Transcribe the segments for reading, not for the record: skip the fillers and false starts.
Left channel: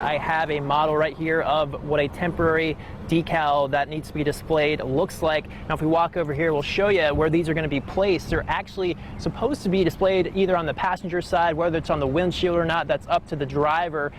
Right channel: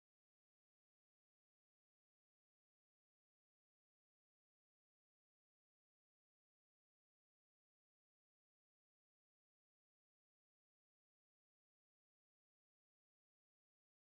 I have a model right here of what a temporary decal that needs to be displayed looks like. Now, if we walk over here, we'll show you where these are going to be placed. They're actually supposed to be displayed either on the passenger side, whether it's on the windshield or not, that's up to the driver.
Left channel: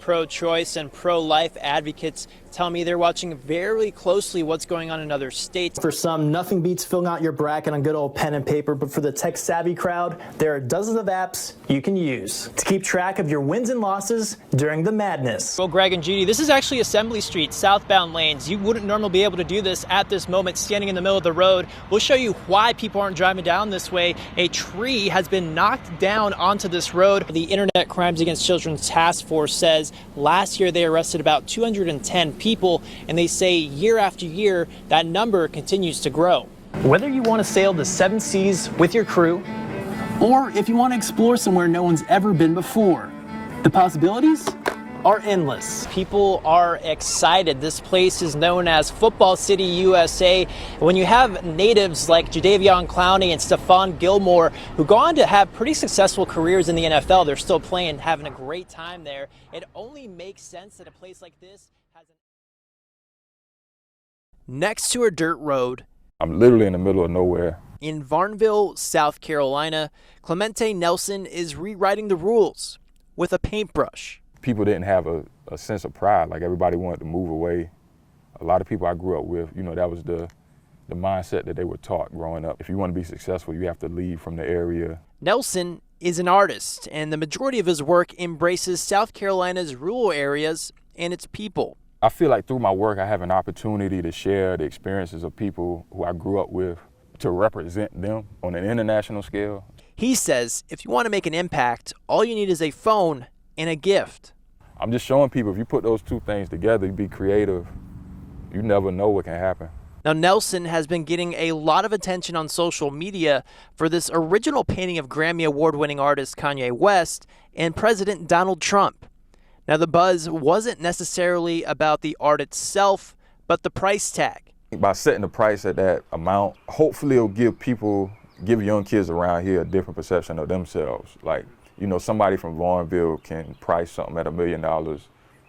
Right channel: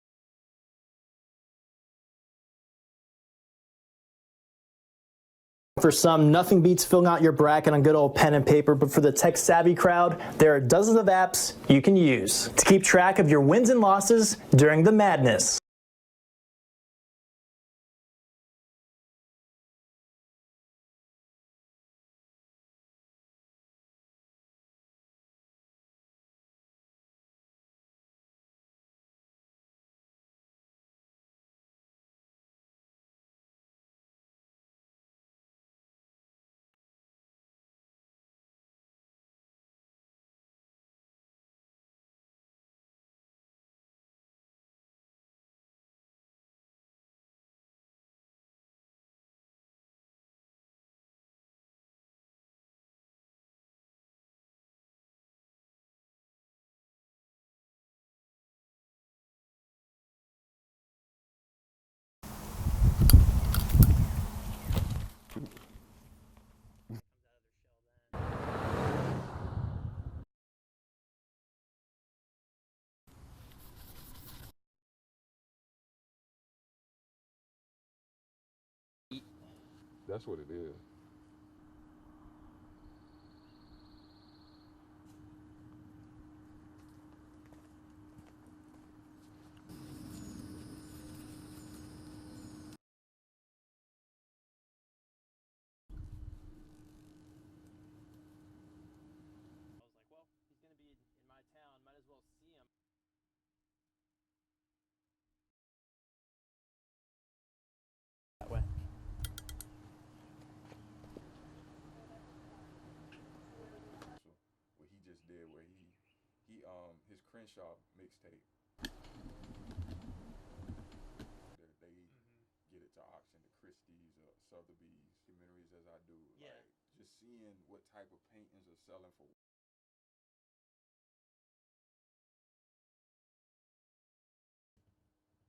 Pro-choice and pro-life advocates tell me they're watching very closely what's going on in other states. For some, nothing beats filling out your bracket on good old pen and paper, but for the tech-savvy crowd, there are dozens of apps you can use to keep track of your wins and losses during the madness. Well, Greg and Judy, this is actually Assembly Street, southbound lanes. You wouldn't normally be able to do this at this moment, standing in the middle of the road. We'll show you why people aren't driving down this way. A tree has been knocked down onto this road. The Internet Crimes Against Children Task Force says last year they arrested about 210 people, and they say year after year that number continues to grow. Whether you want to sail the 7 seas with your crew, or if you want to explore somewhere no one's ever been before, the possibilities are endless. People are excited. This place is known as Football City, USA. When you have natives like Jadeveon Clowney and Stephon Gilmore, who go on to have pretty successful careers in the NFL, they're still playing, having a great time there. It only makes sense that a place like this has next to a dirt road. I'm literally in the middle of nowhere. In Varnville, South Carolina, Clemente Nelson is rewriting the rules with a paintbrush. People didn't have a sense of pride. Like, everybody wanted to move away. A lot of people I grew up with, you know, that was the mindset that they were taught growing up. If you want to be successful, you have to leave from the area. Nelson is an artist, and the majority of his work embraces South Carolina's rural areas and its people. I feel like through my work, I have an opportunity to share the experiences of people who I grew up with, to represent them on an international scale. He says if you want to make an impact, all you need is a phone and a gift. I'm just showing people, if you put those two things together, you be creative, you never know what can happen. Now, Nelson has been getting a lot of attention on social media for this original painting of Grammy Award-winning artist Kanye West and President Donald Trump. Now, the buzz wasn't necessarily about the art itself, but the price tag. By setting the price at that amount, hopefully it'll give young kids around here a different perception of themselves. Like, you know, somebody from Varnville can price something at $1 million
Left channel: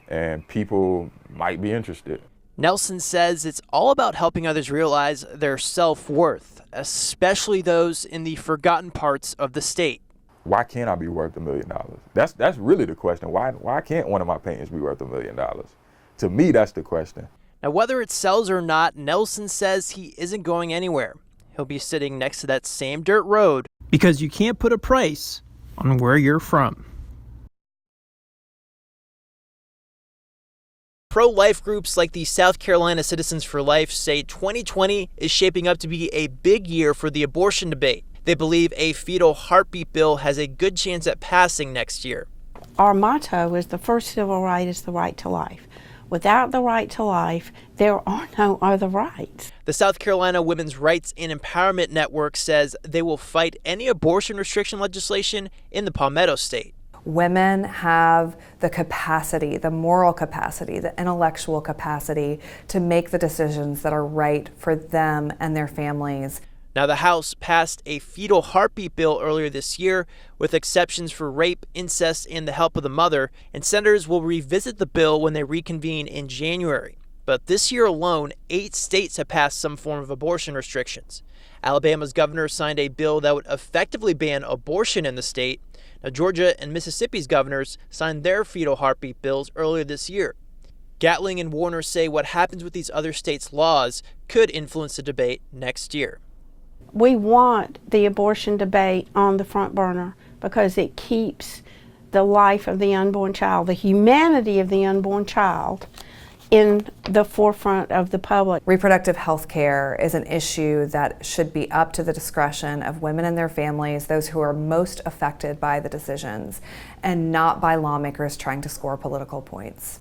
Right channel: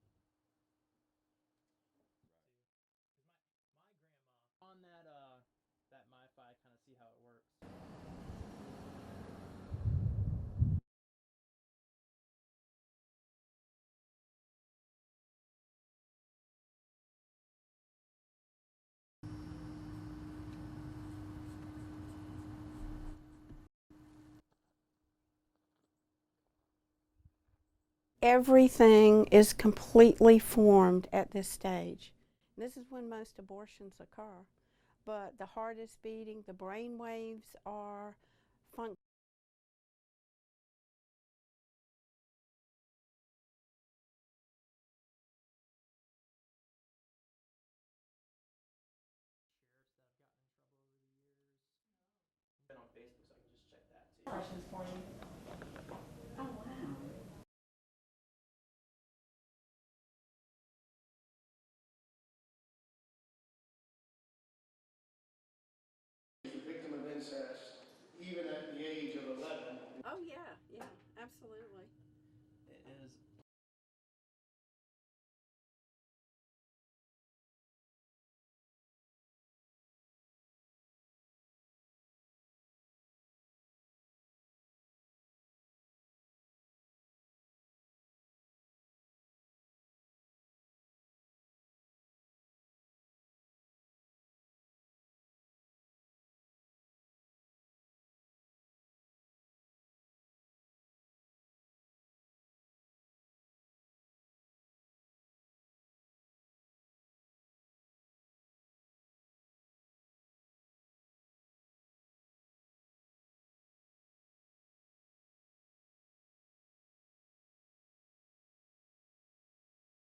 and people might be interested. Nelson says it's all about helping others realize their self-worth, especially those in the forgotten parts of the state. Why can't I be worth $1 million? That's really the question. Why can't one of my paintings be worth $1 million? To me, that's the question. Now, whether it sells or not, Nelson says he isn't going anywhere. He'll be sitting next to that same dirt road. Because you can't put a price on where you're from. Everything is completely formed. Pro-life groups like the South Carolina Citizens for Life say 2020 is shaping up to be a big year for the abortion debate. They believe a fetal heartbeat bill has a good chance at passing next year. Our motto is the first civil right is the right to life. Without the right to life, there are no other rights. The South Carolina Women's Rights and Empowerment Network says they will fight any abortion restriction legislation in the Palmetto State. Women have the capacity, the moral capacity, the intellectual capacity to make the decisions that are right for them and their families. Now, the House passed a fetal heartbeat bill earlier this year with exceptions for rape, incest, and the help of the mother, and senators will revisit the bill when they reconvene in January. But this year alone, 8 states have passed some form of abortion restrictions. Alabama's governor signed a bill that would effectively ban abortion in the state. Now, Georgia and Mississippi's governors signed their fetal heartbeat bills earlier this year. Gatling and Warner say what happens with these other states' laws could influence the debate next year. We want the abortion debate on the front burner because it keeps the life of the unborn child, the humanity of the unborn child, in the forefront of the public. Reproductive health care is an issue that should be up to the discretion of women and their families, those who are most affected by the decisions, and not by lawmakers trying to score political points.